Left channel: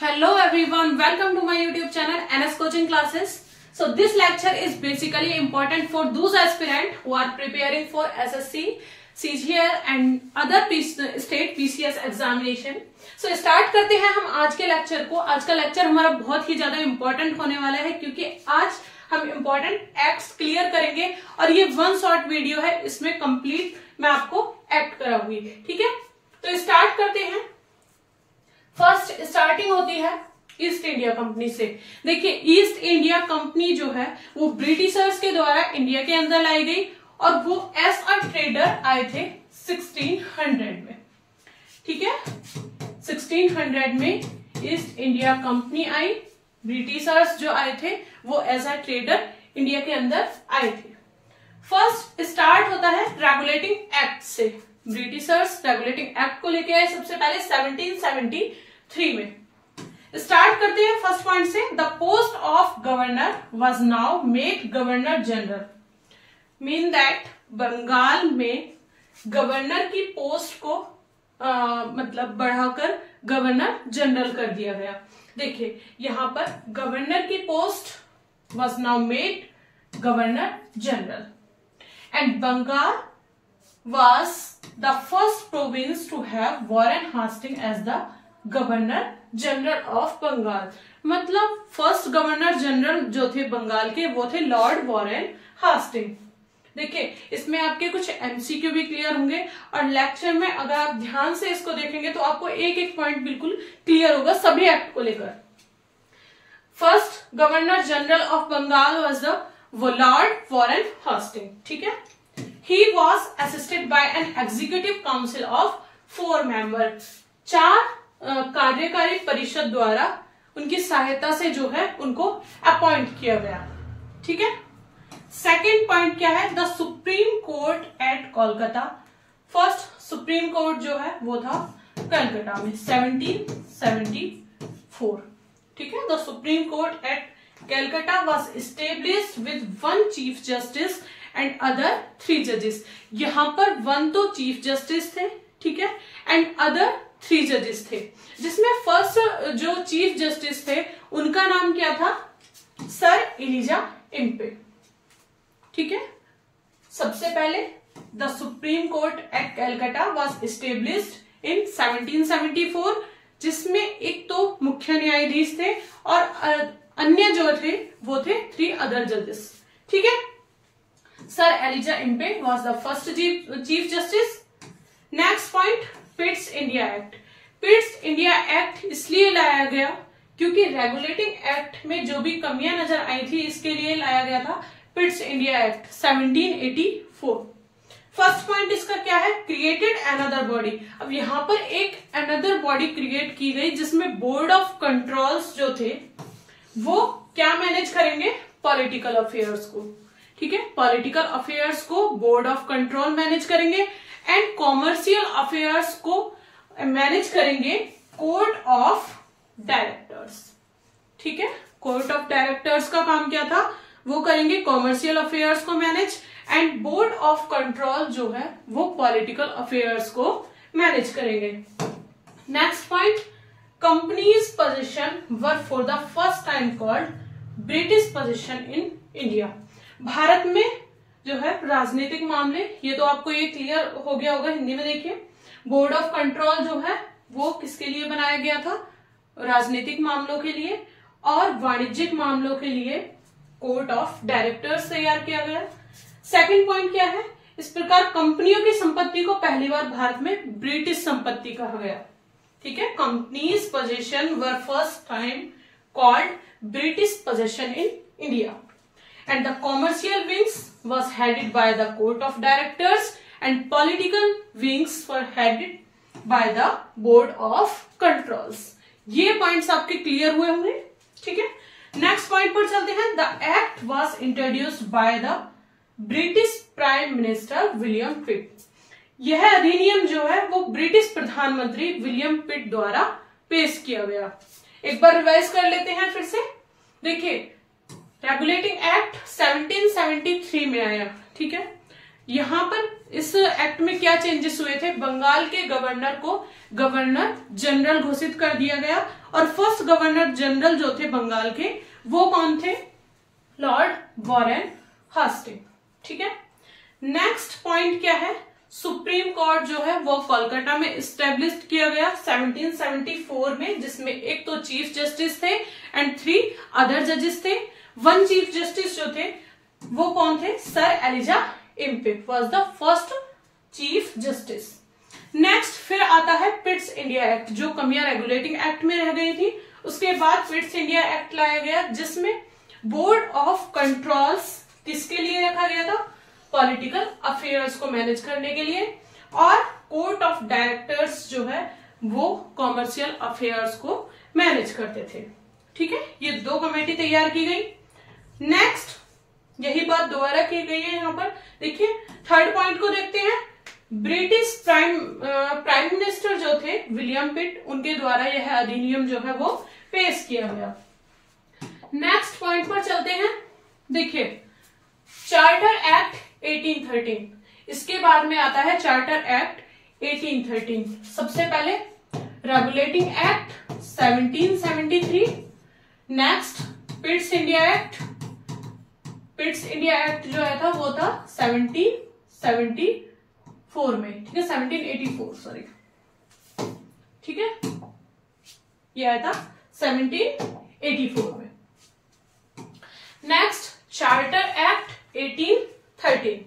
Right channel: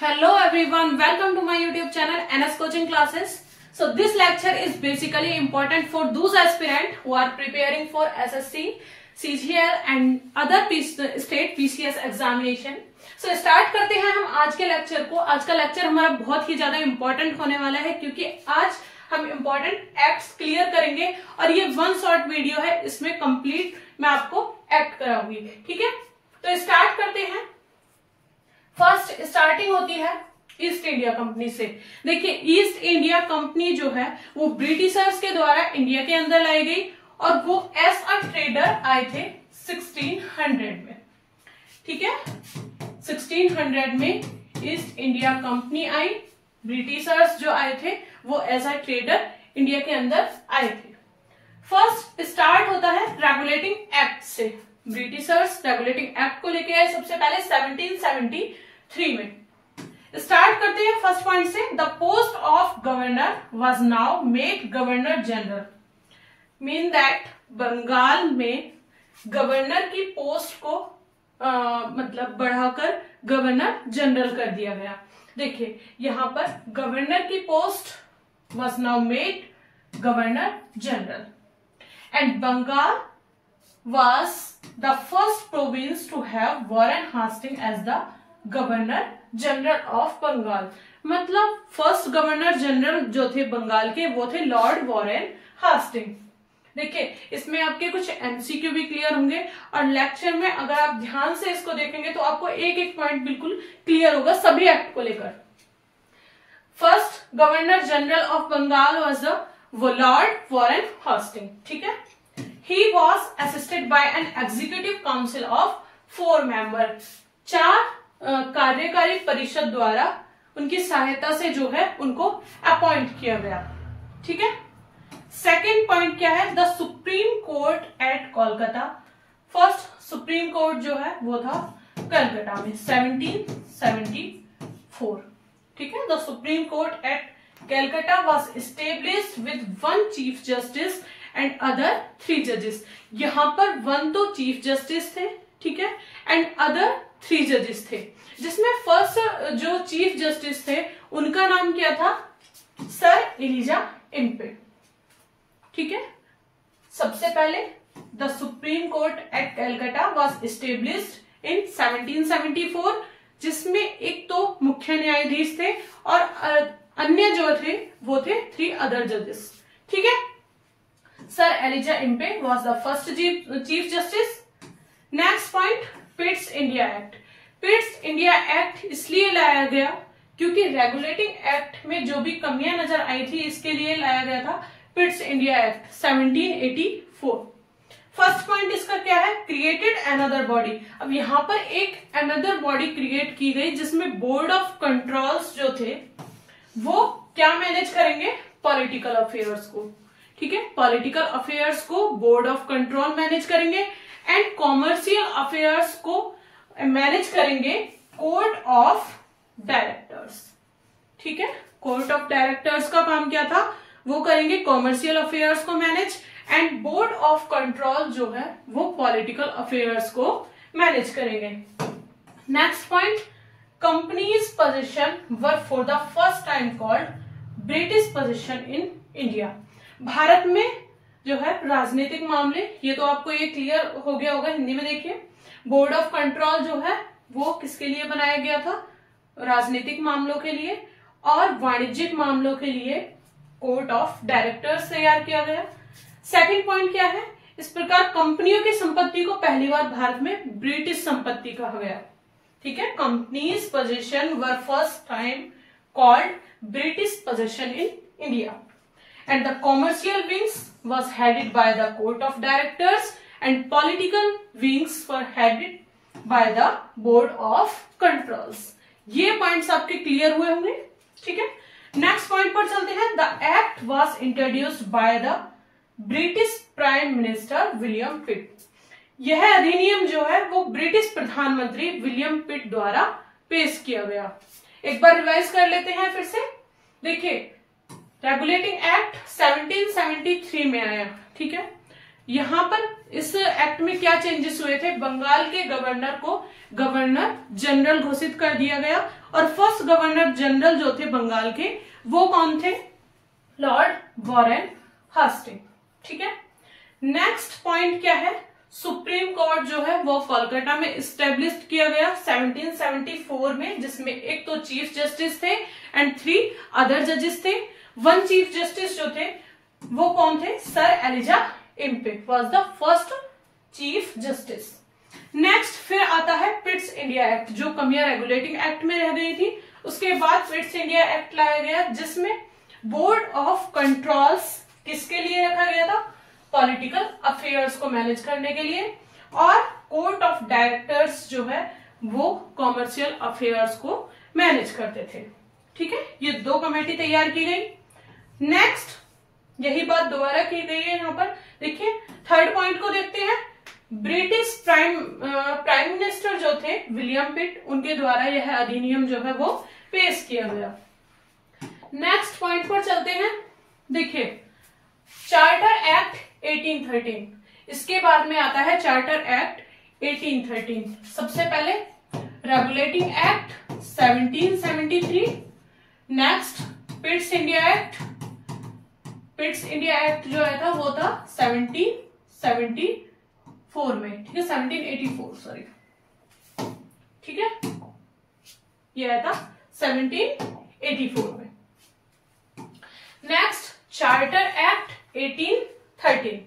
Hello everyone, welcome to my YouTube channel NS Coaching Classes. So this lecture is basically important for those aspirants who are preparing for SSC, CGL and other state PCS examination. So start करते हैं हम आज के lecture को। आज का lecture हमारा बहुत ही ज्यादा इम्पोर्टेंट होने वाला है क्योंकि आज हम इम्पोर्टेंट एक्ट्स क्लियर करेंगे और ये वन शॉर्ट वीडियो है, इसमें कंप्लीट मैं आपको एक्ट कराऊंगी। ठीक है, तो स्टार्ट करते हैं। फर्स्ट स्टार्टिंग होती है ईस्ट इंडिया कंपनी से। देखिए, ईस्ट इंडिया कंपनी जो है वो ब्रिटिशर्स के द्वारा इंडिया के अंदर लाई गई और वो एज अ ट्रेडर आए थे 1600 में। ठीक है, 1600 में ईस्ट इंडिया कंपनी आई, ब्रिटिशर्स जो आए थे वो एज अ ट्रेडर इंडिया के अंदर आए थे। फर्स्ट स्टार्ट होता है रेगुलेटिंग एक्ट से। ब्रिटिशर्स रेगुलेटिंग एक्ट को लेके आए सबसे पहले 1773 में। स्टार्ट करते हैं फर्स्ट पॉइंट से। The post of governor was now made governor general, mean that Bengal में गवर्नर की पोस्ट को मतलब बढ़ाकर गवर्नर जनरल कर दिया गया। देखिए यहां पर गवर्नर की post was now made governor general and Bengal was the first province to have Warren Hastings as the Governor General of Bengal। मतलब फर्स्ट गवर्नर जनरल जो थे बंगाल के वो थे लॉर्ड वॉरेन हास्टिंग। देखिए इसमें आपके कुछ एमसीक्यू भी क्लियर होंगे और लेक्चर में अगर आप ध्यान से इसको देखेंगे तो आपको एक एक पॉइंट बिल्कुल क्लियर होगा सभी एक्ट को लेकर। First governor general of Bengal was the lord Warren Hasting. ठीक है, He was assisted by an executive council of 4 members। 4 कार्यकारी परिषद द्वारा उनकी सहायता से जो है उनको अपॉइंट किया गया। ठीक है, सेकेंड पॉइंट क्या है? The supreme court eight Kolkata. First supreme court जो है वो था कलकत्ता में 1774। ठीक है, the supreme court at Calcutta was established with 1 chief justice and other 3 जजेस। यहां पर 1 तो चीफ जस्टिस थे, ठीक है, एंड अदर 3 जजेस थे, जिसमें फर्स्ट जो चीफ जस्टिस थे उनका नाम क्या था? Sir Elijah Impey. ठीक है, सबसे पहले the supreme court at Calcutta was established in 1774, जिसमें एक तो मुख्य न्यायाधीश थे और अन्य जो थे वो थे 3 अदर जजेस। ठीक है, sir Elijah Impey was the first chief justice। Next point, Pitt's India act. Pitt's India act इसलिए लाया गया क्योंकि रेगुलेटिंग एक्ट में जो भी कमियां नजर आई थी इसके लिए लाया गया था पिट्स इंडिया एक्ट 1784। फर्स्ट पॉइंट इसका क्या है? Created another body. अब यहां पर एक अनदर बॉडी क्रिएट की गई जिसमें बोर्ड ऑफ कंट्रोल्स जो थे वो क्या मैनेज करेंगे? पॉलिटिकल अफेयर्स को। ठीक है, पॉलिटिकल अफेयर्स को बोर्ड ऑफ कंट्रोल मैनेज करेंगे एंड कॉमर्शियल अफेयर्स को मैनेज करेंगे कोर्ट ऑफ डायरेक्टर्स। ठीक है, कोर्ट ऑफ डायरेक्टर्स का काम क्या था? वो करेंगे कॉमर्शियल अफेयर्स को manage and board of control जो है वो पॉलिटिकल अफेयर्स को मैनेज करेंगे। Next point, companies position were for the first time called British position in India. Bharat में जो है राजनीतिक मामले, ये तो आपको ये क्लियर हो गया होगा। हिंदी में देखिए, बोर्ड ऑफ कंट्रोल जो है वो किसके लिए बनाया गया था? राजनीतिक मामलों के लिए, और वाणिज्यिक मामलों के लिए कोर्ट ऑफ डायरेक्टर्स तैयार किया गया। सेकंड पॉइंट क्या है? इस प्रकार कंपनियों की संपत्ति को पहली बार भारत में ब्रिटिश संपत्ति कहा गया। ठीक है, companies position were first time called British position in India and the commercial wings was headed by the court of directors and political wings were headed by the board of controls। ये points आपके clear हुए होंगे। ठीक है, next point पर चलते हैं। The act was introduced by the British prime minister William पिट। यह अधिनियम जो है वो ब्रिटिश प्रधानमंत्री विलियम पिट द्वारा पेश किया गया। एक बार रिवाइज कर लेते हैं फिर से। देखिए, रेगुलेटिंग एक्ट 1773 में आया। ठीक है, यहां पर इस एक्ट में क्या चेंजेस हुए थे? बंगाल के गवर्नर को गवर्नर जनरल घोषित कर दिया गया और फर्स्ट गवर्नर जनरल जो थे बंगाल के वो कौन थे? Lord Warren Hasting. ठीक है, नेक्स्ट पॉइंट क्या है? सुप्रीम कोर्ट जो है वो कोलकाता में इस्टेब्लिश किया गया 1774 में, जिसमें एक तो चीफ जस्टिस थे एंड 3 अदर जजेस थे। 1 चीफ जस्टिस जो थे वो कौन थे? Sir Elijah Impey was the first chief justice. Next फिर आता है पिट्स इंडिया एक्ट, जो कमियां रेगुलेटिंग एक्ट में रह गई थी। उसके बाद पिट्स इंडिया एक्ट लाया गया, जिसमें बोर्ड ऑफ कंट्रोल्स किसके लिए रखा गया था? पॉलिटिकल अफेयर्स को मैनेज करने के लिए, और कोर्ट ऑफ डायरेक्टर्स जो है वो कॉमर्शियल अफेयर्स को मैनेज करते थे। ठीक है, ये 2 कमेटी तैयार की गई। नेक्स्ट यही बात दोबारा की गई है यहाँ पर। देखिए थर्ड पॉइंट को देखते हैं। ब्रिटिश प्राइम मिनिस्टर जो थे विलियम पिट, उनके द्वारा यह अधिनियम जो है वो पेश किया गया। नेक्स्ट पॉइंट पर चलते हैं। देखिए चार्टर एक्ट 1813, इसके बाद में आता है चार्टर एक्ट 1813। सबसे पहले regulating act 1773, next पिट्स India act. Pitt's India act जो है था वो था 1774 में, ठीक है, 1784 सॉरी, ठीक है, ये आया था 1784 में। नेक्स्ट चार्टर एक्ट 1813,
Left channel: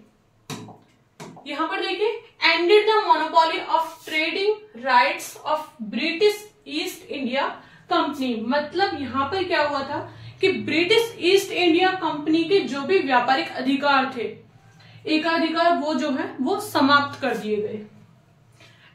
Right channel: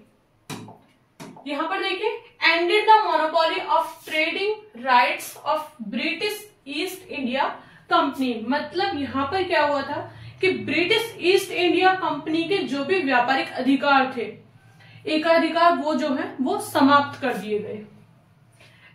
यहां पर देखिए ended the monopoly of trading rights of British East India company. मतलब यहां पर क्या हुआ था कि ब्रिटिश ईस्ट इंडिया कंपनी के जो भी व्यापारिक अधिकार थे, एकाधिकार, वो जो है वो समाप्त कर दिए गए।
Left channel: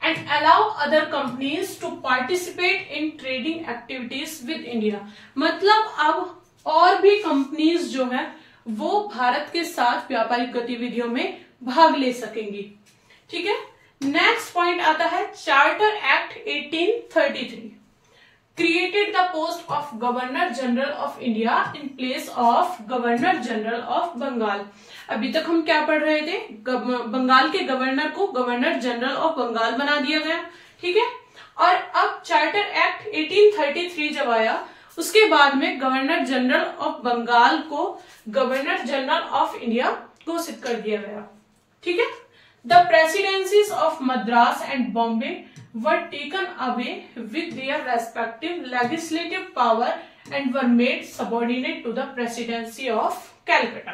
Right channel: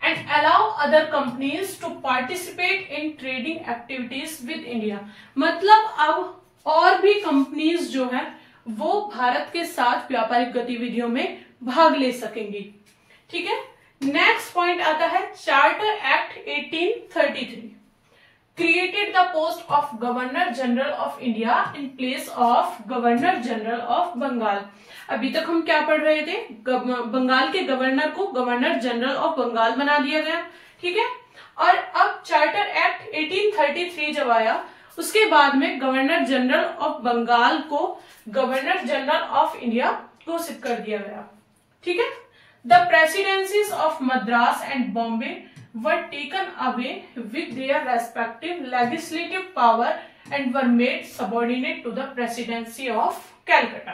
And allow other companies to participate in trading activities with India. मतलब अब और भी कंपनीज जो है वो भारत के साथ व्यापारिक गतिविधियों में भाग ले सकेंगी। ठीक है, नेक्स्ट पॉइंट आता है charter act 1833, created the post of governor general of India in place of governor general of Bengal. अभी तक हम क्या पढ़ रहे थे? बंगाल के गवर्नर को गवर्नर जनरल ऑफ बंगाल बना दिया गया। ठीक है, और अब चार्टर एक्ट 1833 जब आया, उसके बाद में गवर्नर जनरल ऑफ बंगाल को गवर्नर जनरल ऑफ इंडिया घोषित कर दिया गया। ठीक है, the presidencies of Madras and Bombay were taken away with their respective legislative power and were made subordinate to the presidency of Calcutta.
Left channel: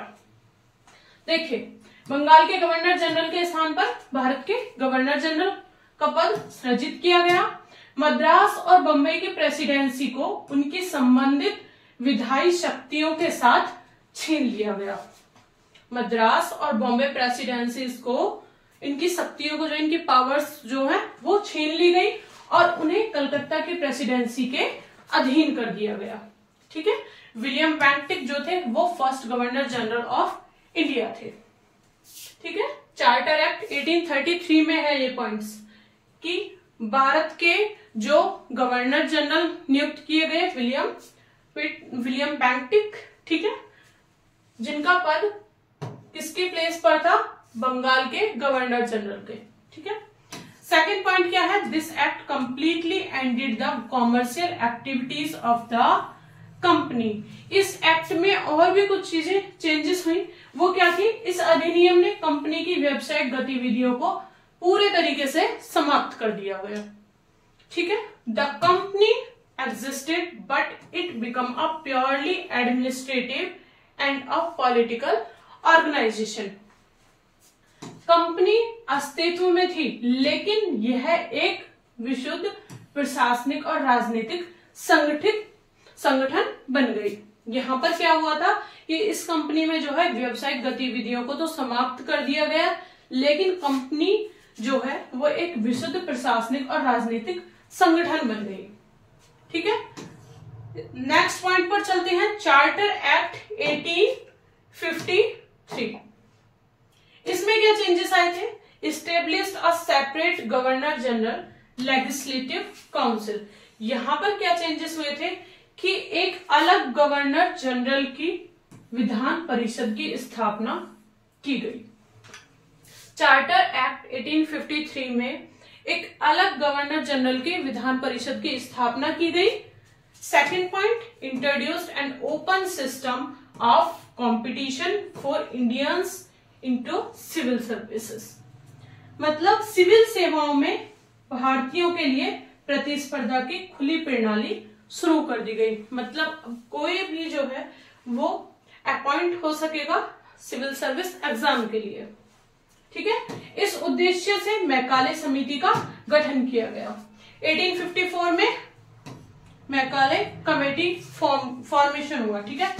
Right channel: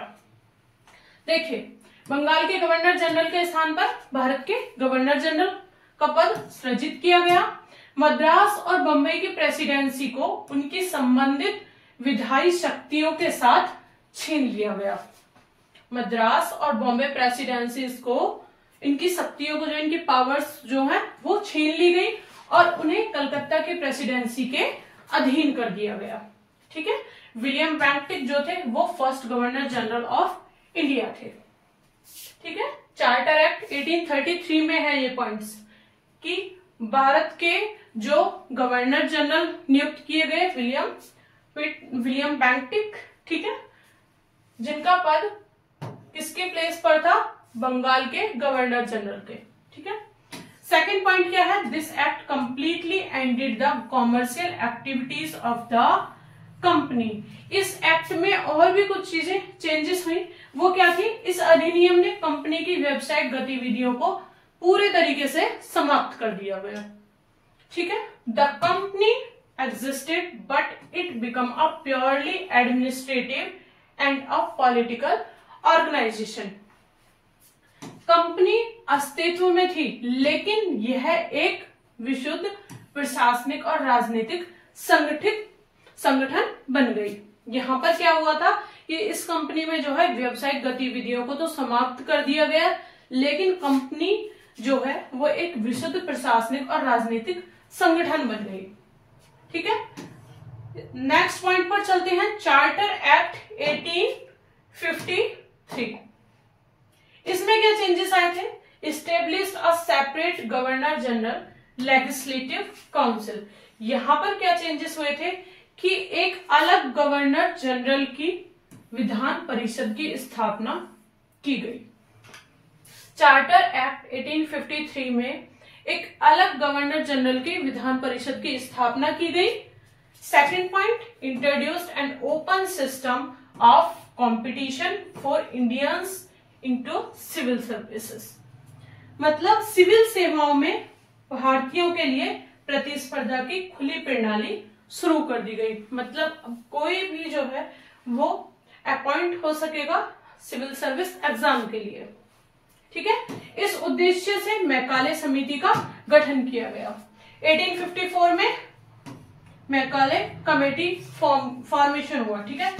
देखिए बंगाल के गवर्नर जनरल के स्थान पर भारत के गवर्नर जनरल का पद सृजित किया गया। मद्रास और बम्बई की प्रेसिडेंसी को उनकी संबंधित विधायी शक्तियों के साथ छीन लिया गया। मद्रास और बॉम्बे प्रेसिडेंसीज को इनकी शक्तियों को, जो इनकी पावर्स जो है वो छीन ली गई और उन्हें कलकत्ता की प्रेसिडेंसी के अधीन कर दिया गया। ठीक है, विलियम बेंटिक जो थे वो first governor general of India थे। ठीक है, चार्टर एक्ट 1833 में है ये पॉइंट्स कि भारत के जो गवर्नर जनरल नियुक्त किए गए विलियम बेंटिक, ठीक है, जिनका पद किसके प्लेस पर था? बंगाल के गवर्नर जनरल के। ठीक है, सेकंड पॉइंट क्या है? This act completely ended the commercial activities of the company. इस एक्ट में और भी कुछ चीजें चेंजेस हुई। वो क्या थी? इस अधिनियम ने कंपनी की व्यवसायिक गतिविधियों को पूरे तरीके से समाप्त कर दिया गया। ठीक है, the company existed but it become a purely administrative and a political organisation. Company अस्तित्व में थी, लेकिन यह एक विशुद्ध प्रशासनिक और राजनीतिक संगठन बन गई। यहां पर क्या हुआ था कि इस कंपनी में जो है व्यवसायिक गतिविधियों को तो समाप्त कर दिया गया, लेकिन कंपनी जो है वो एक विशुद्ध प्रशासनिक और राजनीतिक संगठन बन गई। ठीक है, नेक्स्ट पॉइंट पर चलते हैं। चार्टर एक्ट 1853, इसमें क्या चेंजेस आए थे? Establish a separate governor general legislative council. यहां पर क्या चेंजेस हुए थे कि एक अलग गवर्नर जनरल की विधान परिषद की स्थापना की गई। चार्टर एक्ट 1853 में एक अलग गवर्नर जनरल की विधान परिषद की स्थापना की गई, second point, introduced an open system of competition for Indians into civil services. मतलब सिविल सेवाओं में भारतीयों के लिए प्रतिस्पर्धा की खुली प्रणाली शुरू कर दी गई। मतलब अब कोई भी जो है वो अपॉइंट हो सकेगा सिविल सर्विस एग्जाम के लिए, ठीक है। इस उद्देश्य से मैकाले समिति का गठन किया गया। 1854 में मैकाले कमेटी फॉर्मेशन हुआ, ठीक है।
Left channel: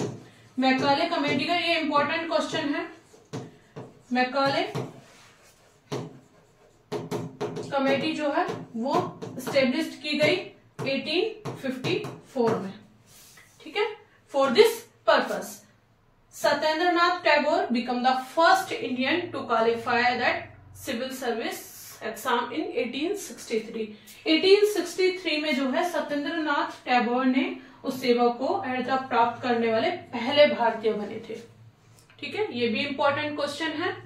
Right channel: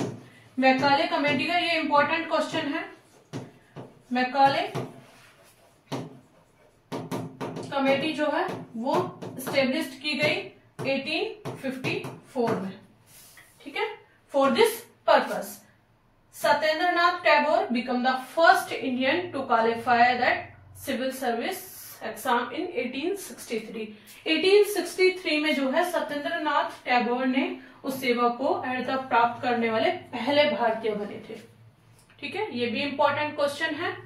मैकाले कमेटी का ये इंपॉर्टेंट क्वेश्चन है। मैकाले कमेटी जो है वो स्टेब्लिश की गई 1854 में, ठीक है। For this purpose Satyendranath Tagore become the first Indian to qualify that civil service exam in 1863। 1863 में जो है सत्येंद्रनाथ टैगोर ने उस सेवा को अर्हता प्राप्त करने वाले पहले भारतीय बने थे, ठीक है। ये भी इंपॉर्टेंट क्वेश्चन है।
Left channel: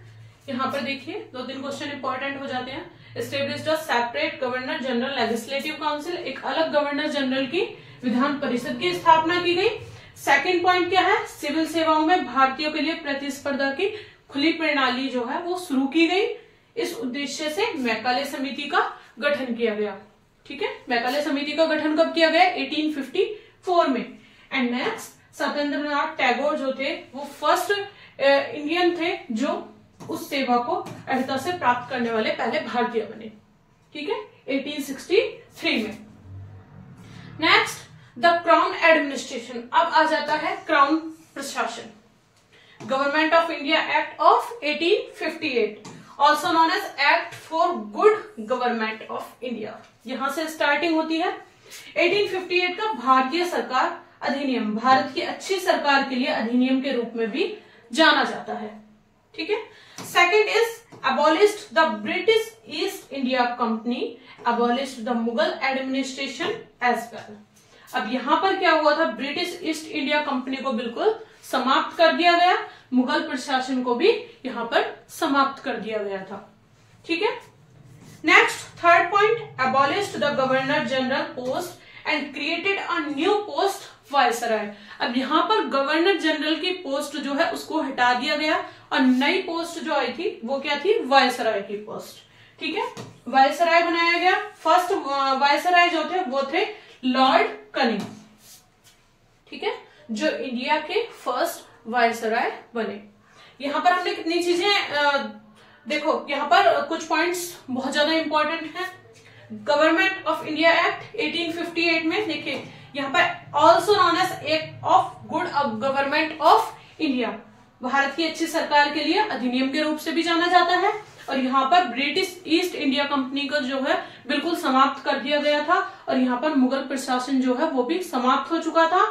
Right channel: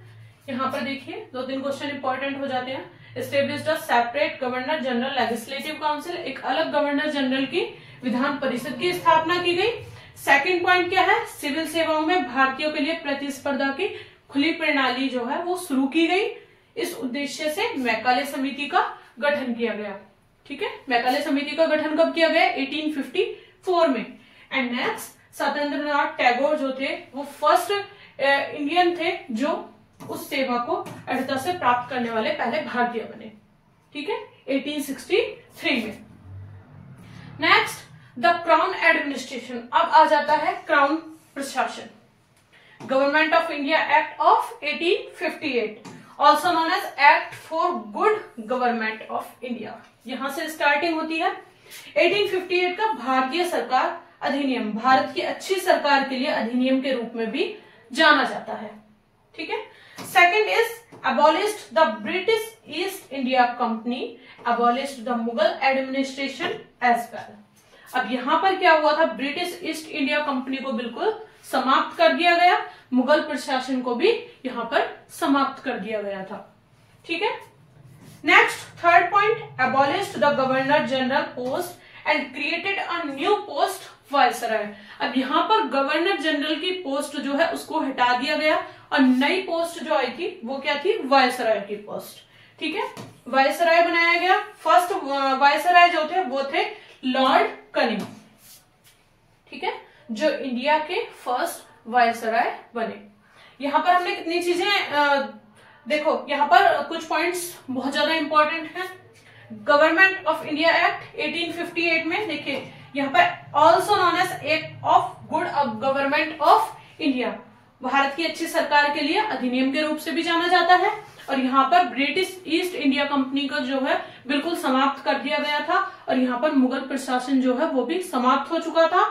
यहाँ पर देखिए 2-3 क्वेश्चन इंपॉर्टेंट हो जाते हैं। Established a separate governor general legislative council, एक अलग गवर्नर जनरल की विधान परिषद की स्थापना की गई। सेकंड पॉइंट क्या है, सिविल सेवाओं में भारतीयों के लिए प्रतिस्पर्धा की खुली प्रणाली जो है वो शुरू की गई। इस उद्देश्य से मैकाले समिति का गठन किया गया, ठीक है। मैकाले समिति का गठन कब किया गया? 1854 में। एंड नेक्स्ट सत्येंद्रनाथ टैगोर जो थे वो फर्स्ट इंडियन थे जो उस सेवा को अर्हता से प्राप्त करने वाले पहले भारतीय बने, ठीक है, 1863 में। नेक्स्ट द क्राउन एडमिनिस्ट्रेशन, अब आ जाता है क्राउन प्रशासन। Government of India act of 1858, also known as act for good government of India, यहां से स्टार्टिंग होती है। 1858 का भारतीय सरकार अधिनियम, भारत की अच्छी सरकार के लिए अधिनियम के रूप में भी जाना जाता है, ठीक है। Second is abolished the British East India company, abolished the Mughal administration as well. अब यहां पर क्या हुआ था, ब्रिटिश ईस्ट इंडिया कंपनी को बिल्कुल समाप्त कर दिया गया, मुगल प्रशासन को भी यहां पर समाप्त कर दिया गया था, ठीक है। Next third point, abolished the governor general post and created a new post viceroy. अब यहाँ पर गवर्नर जनरल की पोस्ट जो है उसको हटा दिया गया और नई पोस्ट जो आई थी वो क्या थी, वायसराय की पोस्ट, ठीक है। वायसराय बनाया गया। फर्स्ट वायसराय जो थे वो थे लॉर्ड कनिंग, ठीक है, जो इंडिया के फर्स्ट वायसराय बने। यहां पर हमने कितनी चीजें देखो, यहाँ पर कुछ पॉइंट्स बहुत ज्यादा इंपॉर्टेंट हैं। गवर्नमेंट ऑफ इंडिया एक्ट 1858 में देखिए यहाँ पर also known as act of good government of India, Bharat की अच्छी सरकार के लिए अधिनियम के रूप से भी जाना जाता है। और यहाँ पर ब्रिटिश ईस्ट इंडिया कंपनी को जो है बिल्कुल समाप्त कर दिया गया था और यहाँ पर मुगल प्रशासन जो है वो भी समाप्त हो चुका था।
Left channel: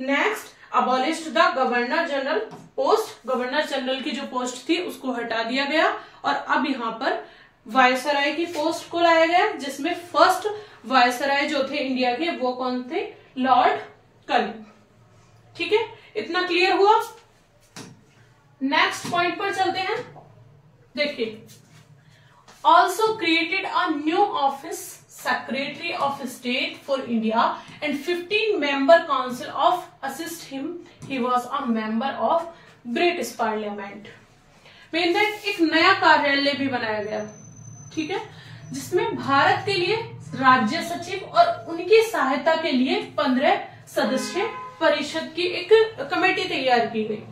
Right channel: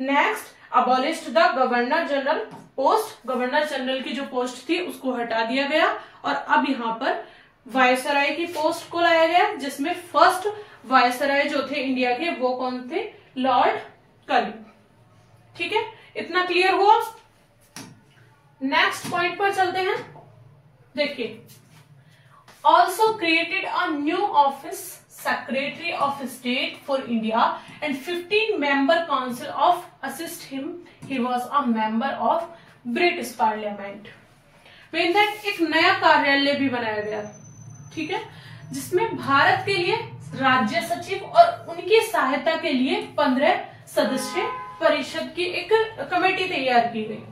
Next abolished the governor general post, governor general की जो पोस्ट थी उसको हटा दिया गया और अब यहाँ पर वायसराय की पोस्ट को लाया गया, जिसमें फर्स्ट वायसराय जो थे इंडिया के वो कौन थे, लॉर्ड कनिंग, ठीक है। इतना क्लियर हुआ। नेक्स्ट पॉइंट पर चलते हैं। देखिए also created a new office, secretary of state for India and 15 member council of assist him, he was a member of British parliament. Mean that एक नया कार्यालय भी बनाया गया, ठीक है, जिसमें भारत के लिए राज्य सचिव और उनकी सहायता के लिए 15 सदस्य परिषद की एक कमेटी तैयार की गई।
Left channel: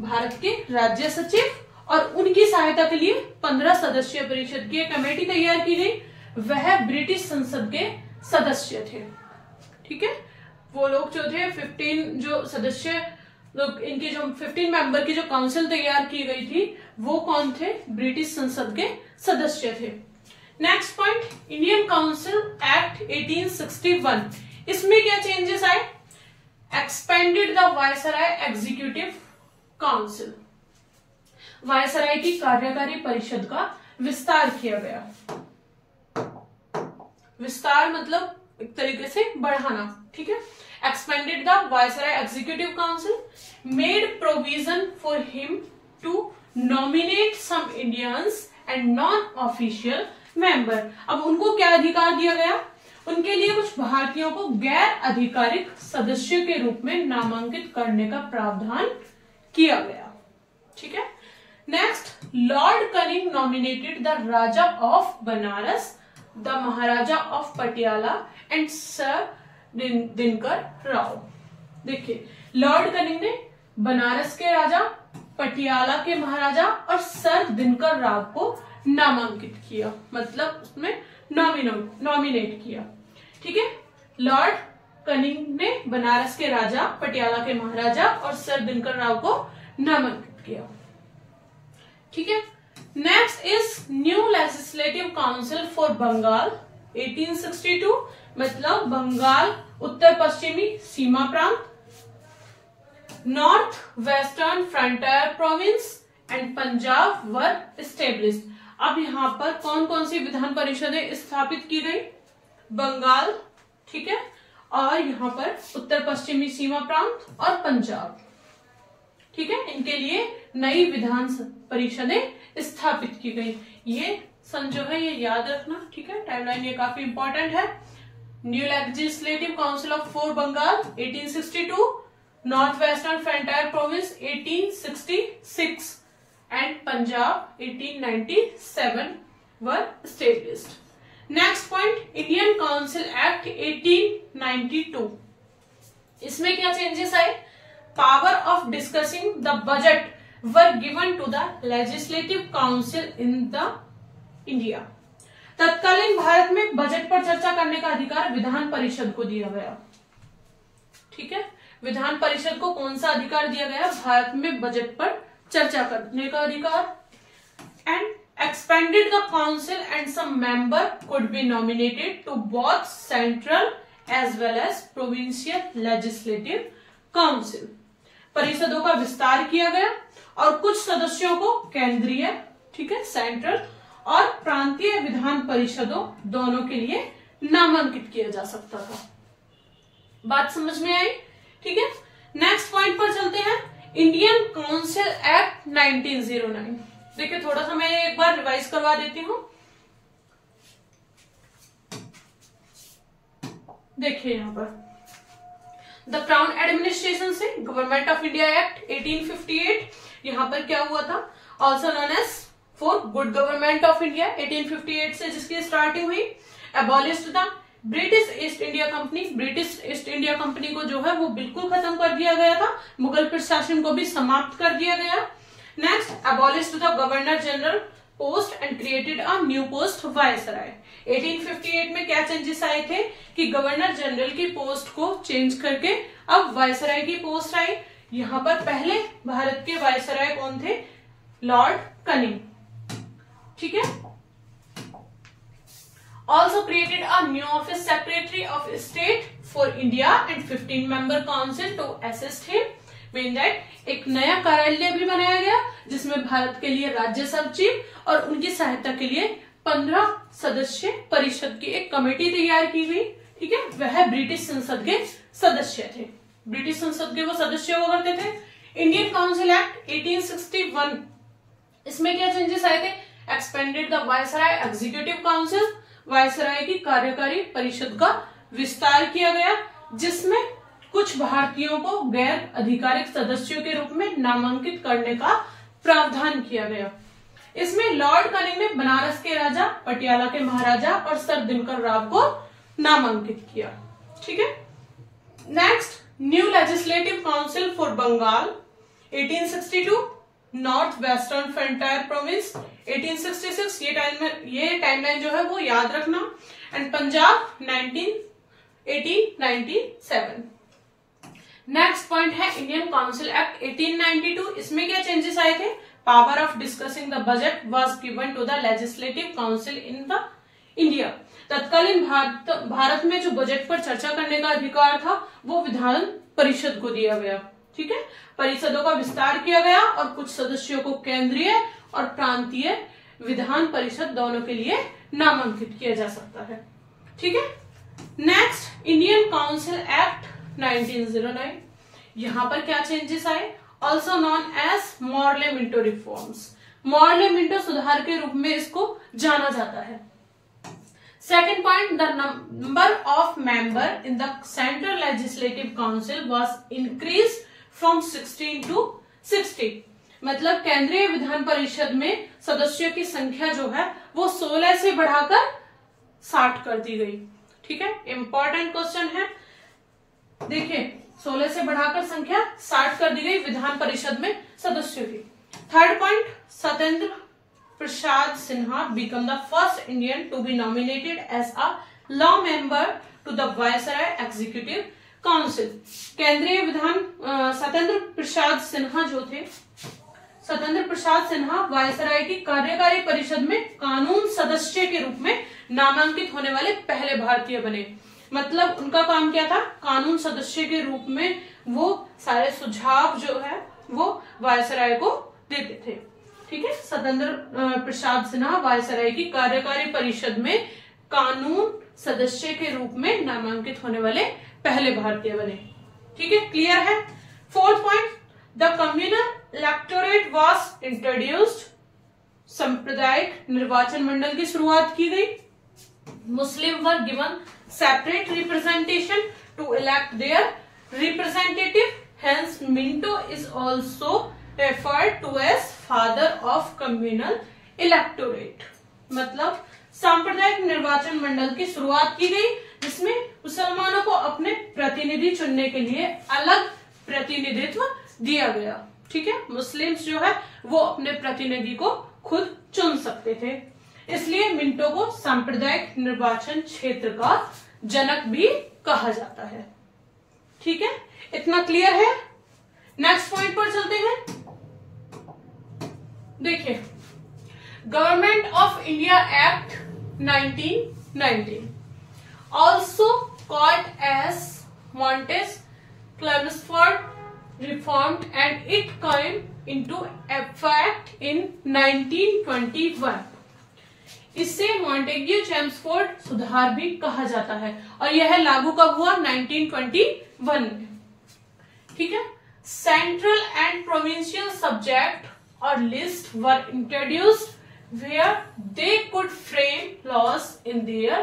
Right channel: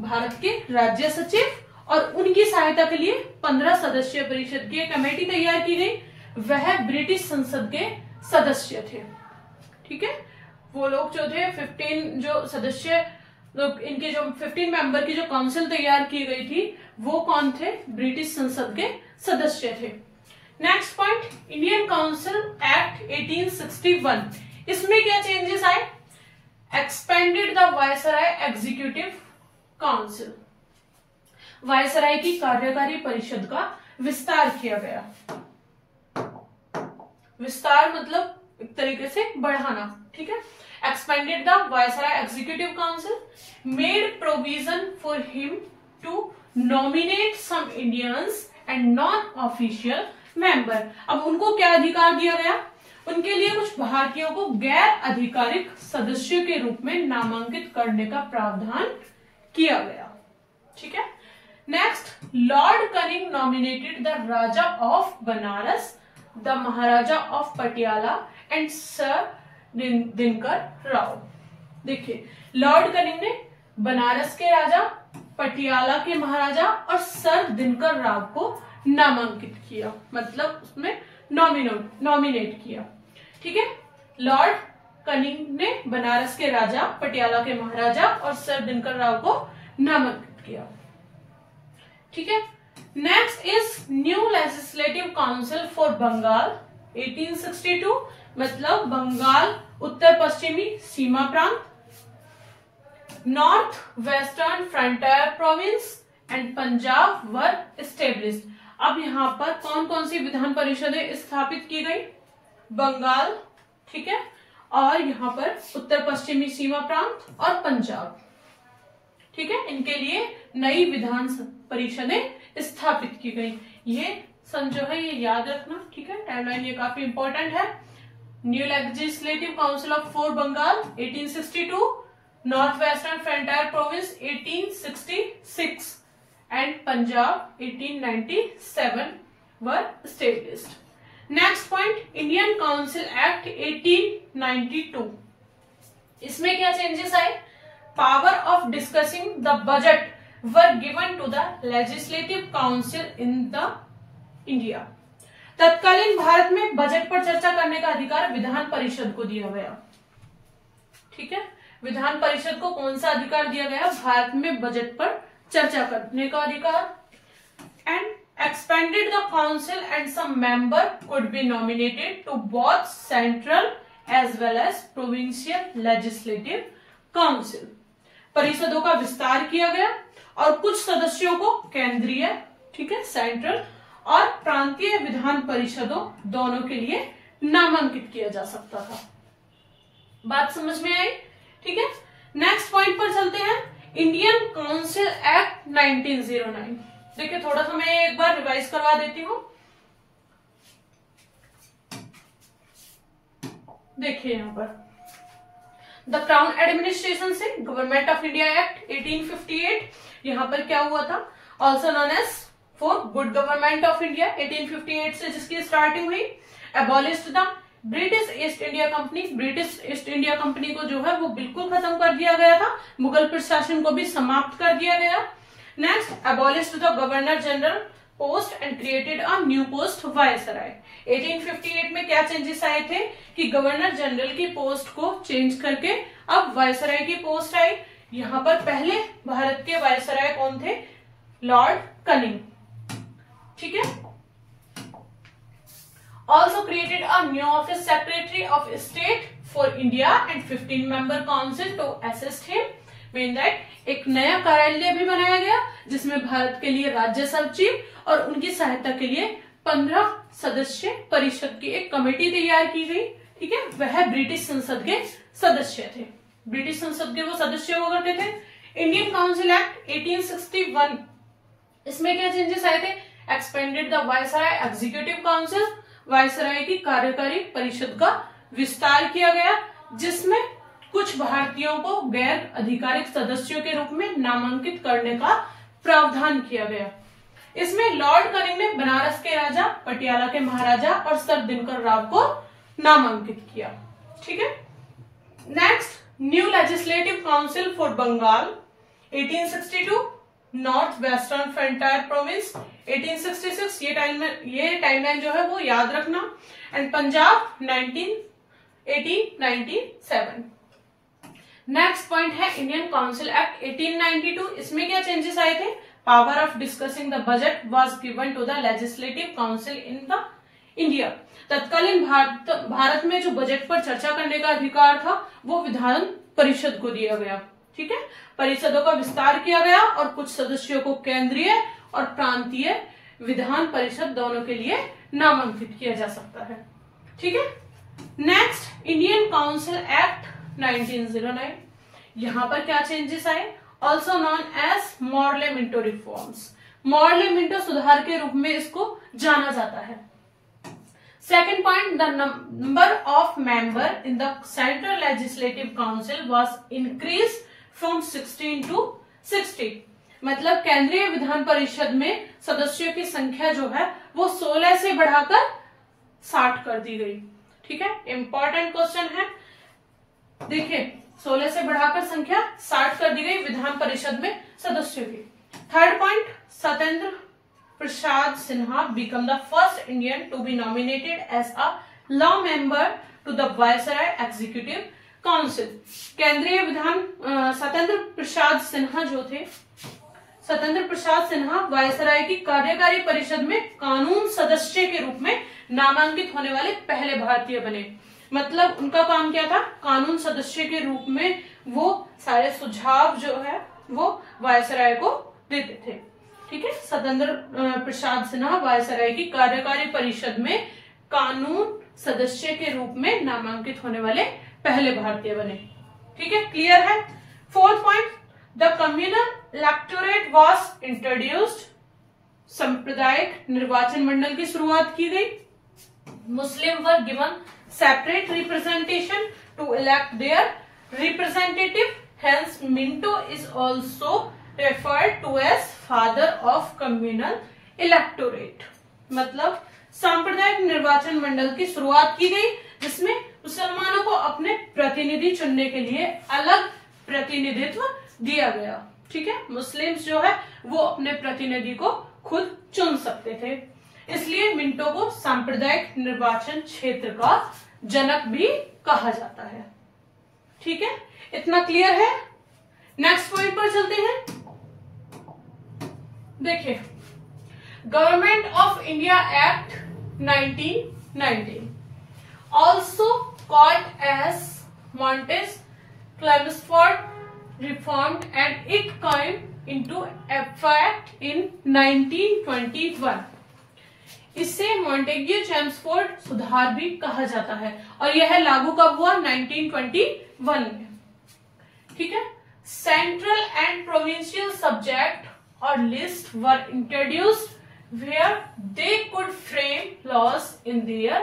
भारत के राज्य सचिव और उनकी सहायता के लिए 15 सदस्य परिषद की एक कमेटी तैयार की गई। वह ब्रिटिश संसद के सदस्य थे, ठीक है। वो लोग जो थे 15 जो सदस्य लोग, इनके जो 15 मेंबर की जो काउंसिल तैयार की गई थी वो कौन थे, ब्रिटिश संसद के सदस्य थे। Next point, Indian council act 1861, इसमें क्या चेंजेस आए, expanded the viceroy executive council, viceroy की कार्यकारी परिषद का विस्तार किया गया। विस्तार मतलब एक तरीके से बढ़ाना, ठीक है। Expanded the viceroy executive council, made provision for him to nominate some Indians and non official member. अब उनको क्या अधिकार दिया गया, उनके लिए कुछ कुछ भारतीयों को गैर आधिकारिक सदस्य के रूप में नामांकित करने का प्रावधान किया गया। ठीक है। Next, Lord cunning nominated the Raja of Banaras, the Maharaja of Patiala and sir Dinkar Rao. देखिए, लॉर्ड कनिंग ने बनारस के राजा, पटियाला के महाराजा और सर दिनकर राव को नामांकित किया, मतलब उसमें नॉमिनेट किया। ठीक है। लॉर्ड कनिंग ने बनारस के राजा, पटियाला के महाराजा और सर दिनकर राव को नामांकित किया। ठीक है। Next is new legislative council for Bengal 1862, मतलब बंगाल उत्तर पश्चिमी सीमा प्रांत, north western frontier province and Punjab were established. अब यहाँ पर कौन कौन सी विधान परिषदें स्थापित की गई? बंगाल, ठीक है, और यहाँ पर उत्तर पश्चिमी सीमा प्रांत और पंजाब। ठीक है, इनके लिए नई विधान परिषदें स्थापित की गई। ये सन जो है ये याद रखना। ठीक है, टाइमलाइन ये काफी इंपॉर्टेंट है। New legislative council of for Bengal 1862, north western frontier province 1866 and Punjab 1897 were established. Next point, Indian Council Act 1892. इसमें क्या चेंजेस आए? Power of discussing the budget were given to the Legislative Council in the India. तत्कालीन भारत में budget पर चर्चा करने का अधिकार विधान परिषद को दिया गया। ठीक है, विधान परिषद को कौन सा अधिकार दिया गया? भारत में बजट पर चर्चा करने का अधिकार। And expanded the council and some member could be nominated to both central as well as provincial legislative council. परिषदों का विस्तार किया गया और कुछ सदस्यों को केंद्रीय, ठीक है, सेंट्रल और प्रांतीय विधान परिषदों दोनों के लिए नामांकित किया जा सकता था। बात समझ में आई? ठीक है। नेक्स्ट पॉइंट पर चलते हैं, इंडियन काउंसिल एक्ट 1909। देखिए, थोड़ा सा मैं एक बार रिवाइज करवा देती हूं। देखिए यहां पर द क्राउन एडमिनिस्ट्रेशन से गवर्नमेंट ऑफ इंडिया एक्ट 1858, यहां पर क्या हुआ था? Also known as for good government of India 1858 से जिसकी स्टार्टिंग हुई। Abolished the British East India company, British East India company को जो है वो बिल्कुल खत्म कर दिया गया था। मुगल प्रशासन को भी समाप्त कर दिया गया। Next, abolished the governor general post and created a new post viceroy. 1858 में क्या चेंजेस आए थे कि गवर्नर जनरल की पोस्ट को चेंज करके अब वायसराय की पोस्ट आई। यहाँ पर पहले भारत के वायसराय कौन थे? Lord cunning. ठीक है। Also created a new office, Secretary of State for India and 15-member council to assist him. Mean that एक नया कार्यालय भी बनाया गया जिसमें भारत के लिए राज्य सचिव और उनकी सहायता के लिए 15 सदस्य परिषद की एक कमेटी तैयार की गई। ठीक है, वह ब्रिटिश संसद के सदस्य थे। ब्रिटिश संसद के वो सदस्य हुआ करते थे। इंडियन काउंसिल एक्ट 1861, इसमें क्या चेंजेस आए थे? Expanded the viceroy executive council, viceroy की कार्यकारी परिषद का विस्तार किया गया जिसमें कुछ भारतीयों को गैर आधिकारिक सदस्यों के रूप में नामांकित करने का प्रावधान किया गया। इसमें लॉर्ड कनिंग ने बनारस के राजा, पटियाला के महाराजा और सर दिनकर राव को नामांकित किया। ठीक है। Next, new legislative council for Bengal 1862, north western frontier province 1866, ये टाइमलाइन जो है वो याद रखना। एंड पंजाब 1897। नेक्स्ट पॉइंट है इंडियन काउंसिल एक्ट 1892। इसमें क्या चेंजेस आए थे? Power of discussing the budget was given to the legislative council in the India. तत्कालीन भारत में जो बजट पर चर्चा करने का अधिकार था वो विधान परिषद को दिया गया। ठीक है, परिषदों का विस्तार किया गया और कुछ सदस्यों को केंद्रीय और प्रांतीय विधान परिषद दोनों के लिए नामांकित किया जा सकता है। ठीक है। Next, Indian council act 1909। यहां पर क्या चेंजेस आए? Also known as Morley Minto reforms. Morley Minto सुधार के रूप में इसको जाना जाता है। Second point, the number of member in the Central Legislative Council was increased from 16 to 60. मतलब केंद्रीय विधान परिषद में सदस्यों की संख्या जो है वो 16 से बढ़ाकर 60 कर दी गई। ठीक है, इंपॉर्टेंट क्वेश्चन है। देखिए 16 से बढ़ाकर संख्या 60 कर दी गई विधान परिषद में सदस्यों की। Third point, Satyendra Prasad Sinha became the first Indian to be nominated as a law member to the Viceroy Executive Council. केंद्रीय विधान सत्येंद्र प्रसाद सिन्हा जो थे, सत्येंद्र प्रसाद सिन्हा वायसराय की कार्यकारी परिषद में कानून सदस्य के रूप में नामांकित होने वाले पहले भारतीय बने। मतलब उनका काम क्या था, कानून सदस्य के रूप में वो सारे सुझाव जो है वो वायसराय को देते थे। ठीक है, सत्येंद्र प्रसाद सिन्हा वायसराय की कार्यकारी परिषद में कानून सदस्य के रूप में नामांकित होने वाले पहले भारतीय बने। ठीक है, क्लियर है। Fourth point, the communal electorate was introduced. सांप्रदायिक निर्वाचन मंडल की शुरुआत की गई। Muslim were given separate representation to elect their representative, hence Minto is also referred to as father of communal electorate। मतलब सांप्रदायिक निर्वाचन मंडल की शुरुआत की गई जिसमें मुसलमानों को अपने प्रतिनिधि चुनने के लिए अलग प्रतिनिधित्व दिया गया। ठीक है, मुस्लिम्स जो है वो अपने प्रतिनिधि को खुद चुन सकते थे, इसलिए मिंटो को सांप्रदायिक निर्वाचन क्षेत्र का जनक भी कहा जाता है। ठीक है, इतना क्लियर है। नेक्स्ट पॉइंट पर चलते हैं। देखिए, government of India act 1919 also called as Montagu Chelmsford reformed and it came into effect in 1921। इसे मॉन्टेग्यू चेम्सफोर्ड सुधार भी कहा जाता है और यह लागू कब हुआ, 1921 में। ठीक है, central and provincial subject or list were introduced where they could frame laws in their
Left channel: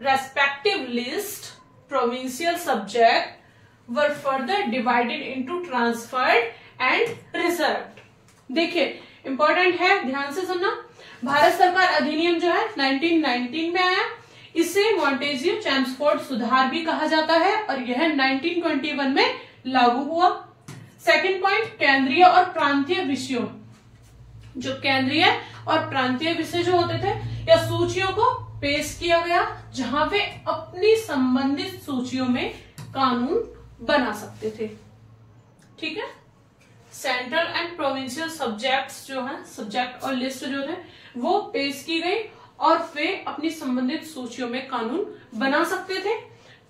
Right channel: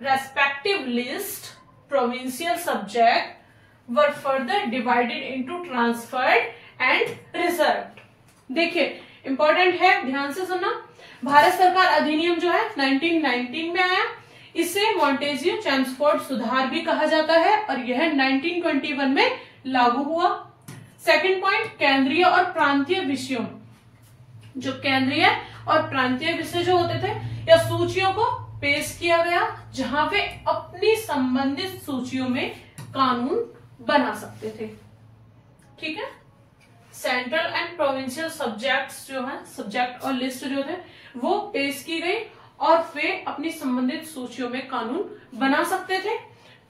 respective list. Provincial subject were further divided into transferred and reserved. देखिए इंपॉर्टेंट है, ध्यान से सुनना। भारत सरकार अधिनियम जो है 1919 में आया, इसे मॉन्टेग्यू चेम्सफोर्ड सुधार भी कहा जाता है और यह 1921 में लागू हुआ। सेकंड पॉइंट, केंद्रीय और प्रांतीय विषयों, जो केंद्रीय और प्रांतीय विषय जो होते थे या सूचियों को पेश किया गया जहां पे अपनी संबंधित सूचियों में कानून बना सकते थे। ठीक है, सेंट्रल एंड प्रोविंशियल सब्जेक्ट्स जो है, सब्जेक्ट और लिस्ट जो थे वो पेश की गई और वे अपनी संबंधित सूचियों में कानून बना सकते थे।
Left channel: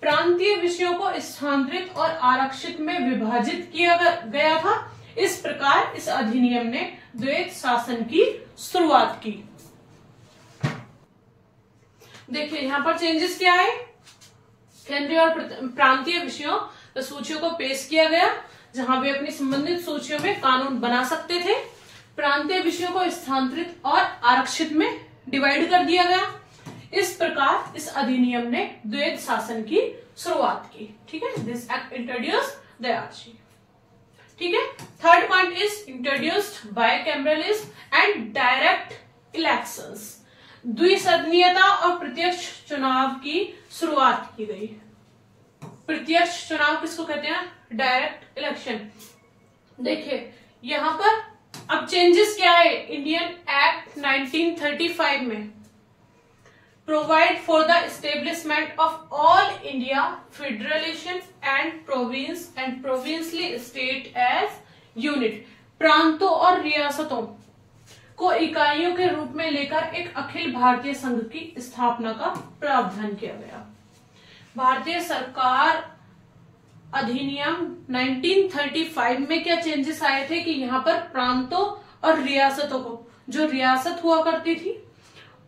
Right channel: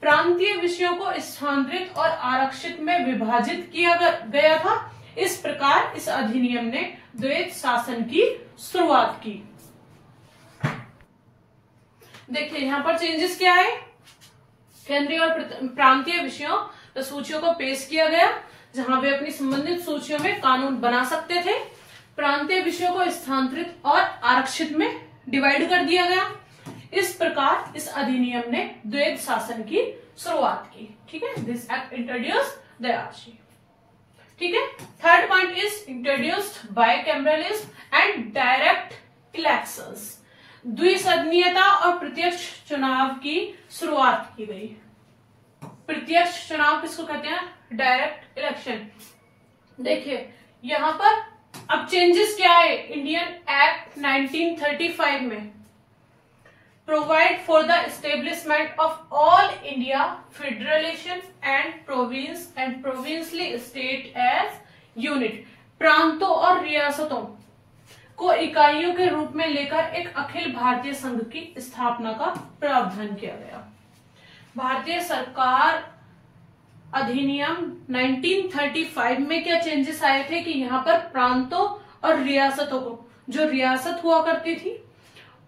प्रांतीय विषयों को स्थानांतरित और आरक्षित में विभाजित किया गया था। इस प्रकार इस अधिनियम ने द्वैत शासन की शुरुआत की। देखिए यहाँ पर चेंजेस क्या है, केंद्रीय और प्रांतीय विषयों सूचियों को पेश किया गया जहां वे अपनी संबंधित सूचियों में कानून बना सकते थे। प्रांतीय विषयों को स्थानांतरित और आरक्षित में डिवाइड कर दिया गया। इस प्रकार इस अधिनियम ने द्वैत शासन की शुरुआत की। ठीक है, दिस एक्ट इंट्रोड्यूस दयाशी। ठीक है, third point is introduced bicameralism and direct elections. द्विसदनीयता और प्रत्यक्ष चुनाव की शुरुआत की गई। प्रत्यक्ष चुनाव किसको कहते हैं, डायरेक्ट इलेक्शन। देखिए यहां पर अब चेंजेस क्या है, इंडियन एक्ट 1935 में provide for the establishment of all India federation and province and provincially state as unit। प्रांतों और रियासतों को इकाइयों के रूप में लेकर एक अखिल भारतीय संघ की स्थापना का प्रावधान किया गया। भारतीय सरकार अधिनियम 1935 में क्या चेंजेस आए थे कि यहाँ पर प्रांतों और रियासतों को, जो रियासत हुआ करती थी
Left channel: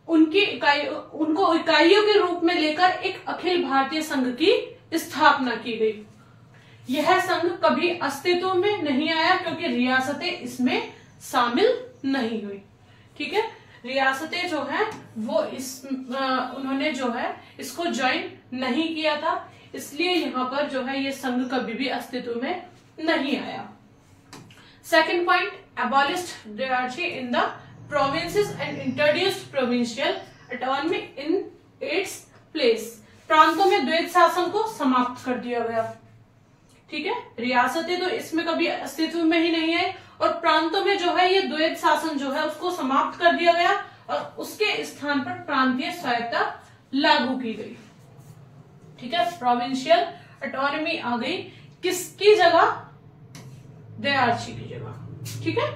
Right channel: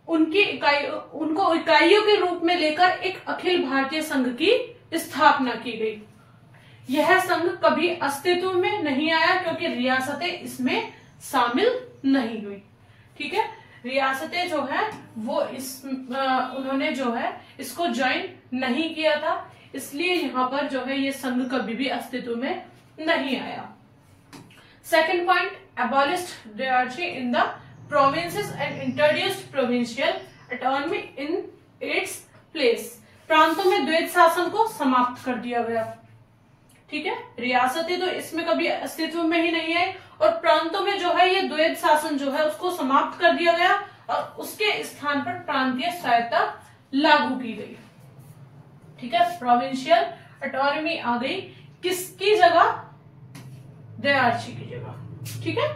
उनको इकाइयों के रूप में लेकर एक अखिल भारतीय संघ की स्थापना की गई। यह संघ कभी अस्तित्व में नहीं आया क्योंकि रियासतें इसमें शामिल नहीं हुई। ठीक है, रियासतें जो है वो उन्होंने जो है इसको ज्वाइन नहीं किया था, इसलिए यहाँ पर जो है ये संघ कभी भी अस्तित्व में नहीं आया। Second point, abolished diarchy in the provinces and introduced provincial autonomy in its place। प्रांतों में द्वैध शासन को समाप्त कर दिया गया। ठीक है, रियासतें तो इसमें कभी अस्तित्व में ही नहीं है और प्रांतों में जो है ये द्वैध शासन जो है उसको समाप्त कर दिया गया और उसके स्थान पर प्रांतीय स्वायत्तता लागू की गई। ठीक है, प्रोविंशियल ऑटोनॉमी आ गई किसकी जगह? दयार्ची की जगह। ठीक है,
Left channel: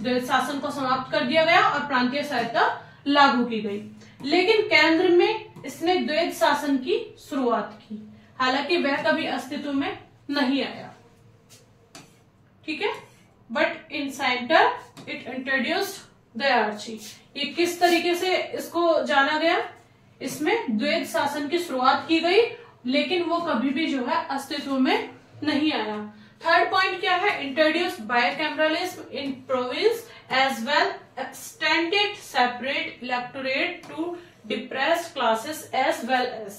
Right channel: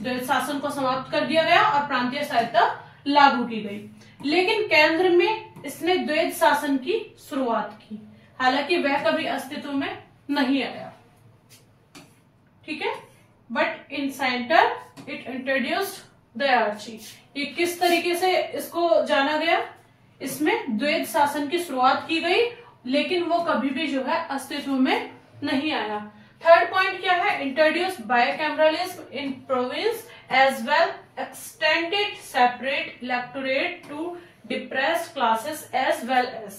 द्वैध शासन को समाप्त कर दिया गया और प्रांतीय स्वायत्तता लागू की गई। लेकिन केंद्र में इसने द्वैध शासन की शुरुआत की, हालांकि वह कभी अस्तित्व में नहीं आया। ठीक है, but in centre it introduced dyarchy. ये किस तरीके से इसको जाना गया? इसमें द्वैध शासन की शुरुआत की गई, लेकिन वो कभी भी जो है अस्तित्व में नहीं आया। थर्ड पॉइंट क्या है? Introduced bicameralism in province as well extended separate electorate to depressed classes as well as.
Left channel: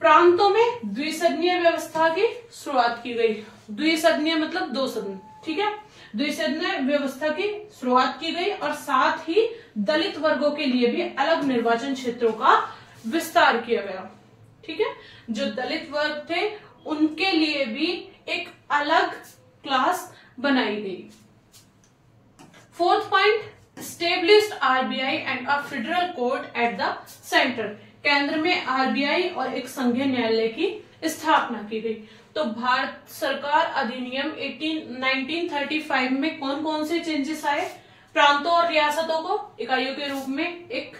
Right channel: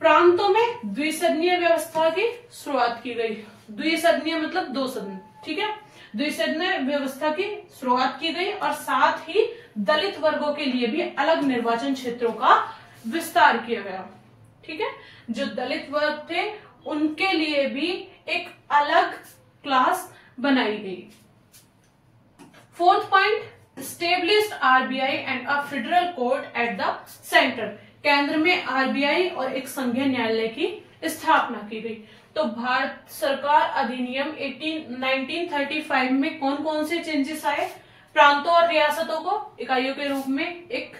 प्रांतों में द्विसदनीय व्यवस्था की शुरुआत की गई। द्विसदनीय मतलब दो सदन। ठीक है, द्विसदनीय व्यवस्था की शुरुआत की गई और साथ ही दलित वर्गों के लिए भी अलग निर्वाचन क्षेत्रों का विस्तार किया गया। ठीक है, जो दलित वर्ग थे उनके लिए भी एक अलग क्लास बनाई गई। Fourth point, established RBI and a federal court at the center। केंद्र में RBI और एक संघीय न्यायालय की स्थापना की गई। तो भारत सरकार अधिनियम 1935 में कौन कौन से चेंजेस आए? प्रांतों और रियासतों को इकाइयों के रूप में एक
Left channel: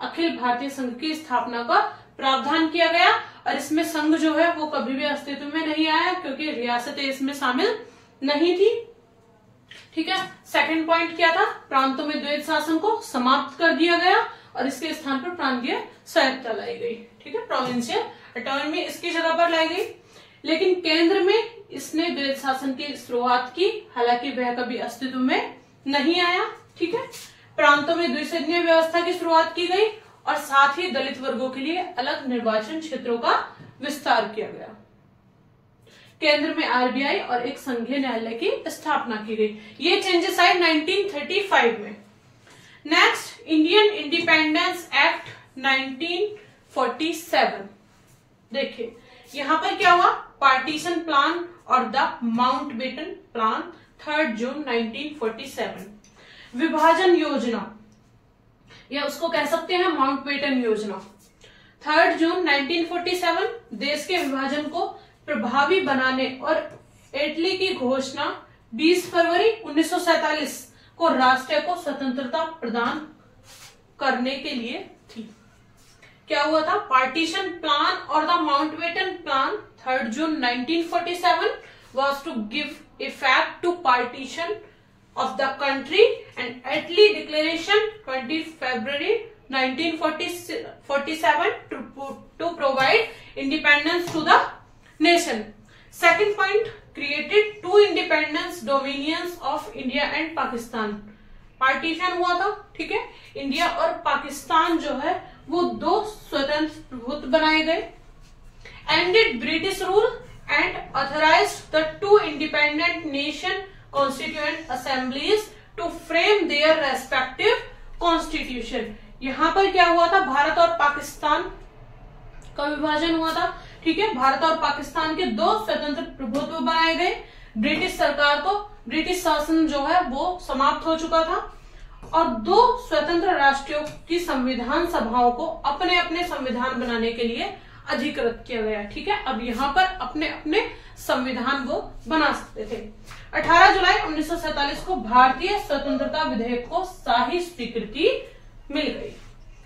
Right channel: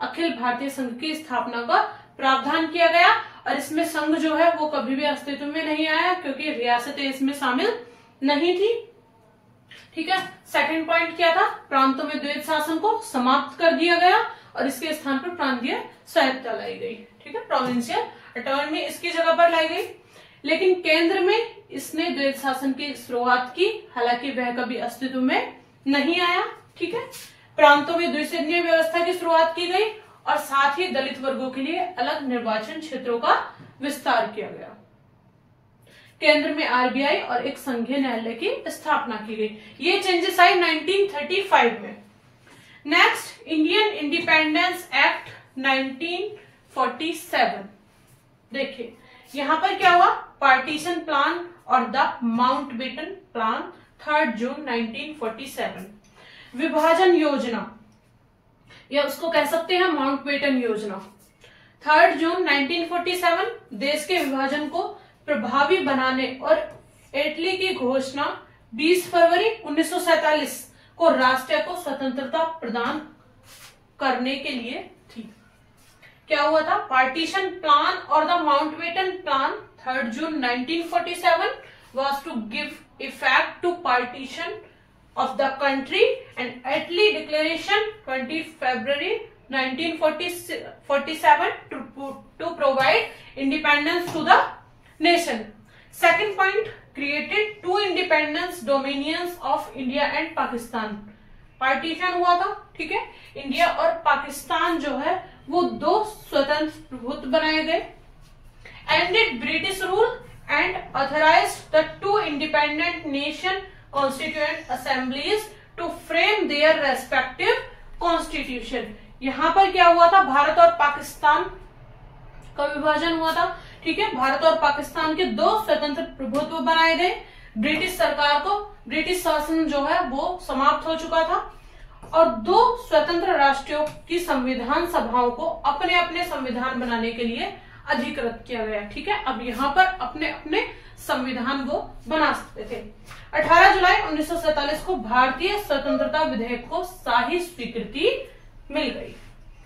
अखिल भारतीय संघ की स्थापना का प्रावधान किया गया और इसमें संघ जो है वो कभी भी अस्तित्व में नहीं आया क्योंकि रियासतें इसमें शामिल नहीं थी। ठीक है, सेकंड पॉइंट क्या था? प्रांतों में द्वैध शासन को समाप्त कर दिया गया और इसके स्थान पर प्रांतीय स्वायत्तता लाई गई। ठीक है, प्रोविंशियल ऑटोनॉमी इसकी जगह पर लाई गई। लेकिन केंद्र में इसने द्वैध शासन की शुरुआत की, हालांकि वह कभी अस्तित्व में नहीं आया। ठीक है, प्रांतों में द्विसदनीय व्यवस्था की शुरुआत की गई और साथ ही दलित वर्गों के लिए अलग निर्वाचन क्षेत्रों का विस्तार किया गया। केंद्र में RBI और एक संघीय न्यायालय की स्थापना की गई। ये चेंजेस आए 1935 में। Next, Indian independence act 1947। देखिए यहां पर क्या हुआ? पार्टीशन प्लान और द माउंटबेटन प्लान 3 जून 1947। विभाजन योजना या उसको कह सकते हैं माउंटबेटन योजना। 3 जून 1947 देश के विभाजन को प्रभावी बनाने और इटली की घोषणा 20 फरवरी 1947 को राष्ट्र को स्वतंत्रता प्रदान करने के लिए थी। क्या हुआ था? पार्टीशन प्लान और the Mountbatten plan 3 June 1947 was to give effect to partition of the country and Italy declaration 20 February 1947 to provide independence to the nation. Second point, created two independence dominions of India and Pakistan। Partition हुआ था, ठीक है, India और पाकिस्तान जो है वो दो स्वतंत्र प्रभुत्व बनाए गए। Ended British rule and authorised the two independent nation constituent assemblies to frame their respective constitution. यहां पर क्या हुआ था? भारत और पाकिस्तान का विभाजन हुआ था। ठीक है, भारत और पाकिस्तान के दो स्वतंत्र प्रभुत्व बनाए गए। ब्रिटिश सरकार को, ब्रिटिश शासन जो है वो समाप्त हो चुका था और दो स्वतंत्र राष्ट्रों की संविधान सभाओं को अपने अपने संविधान बनाने के लिए अधिकृत किया गया। ठीक है, अब यहाँ पर अपने अपने संविधान वो बना सकते थे। 18 जुलाई 1947 को भारतीय स्वतंत्रता विधेयक को शाही स्वीकृति मिल गई।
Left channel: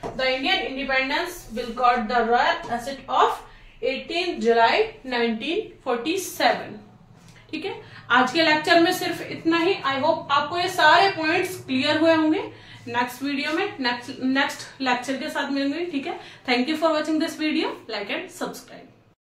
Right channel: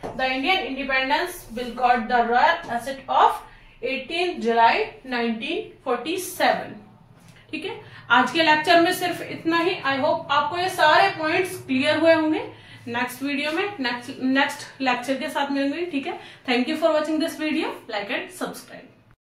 The Indian independence bill got the royal asset of 18 जुलाई 1947। ठीक है, आज के लेक्चर में सिर्फ इतना ही। आई होप आपको ये सारे पॉइंट्स क्लियर हुए होंगे। नेक्स्ट वीडियो में नेक्स्ट लेक्चर के साथ मिलेंगे। ठीक है, thank you for watching this video. Like and subscribe.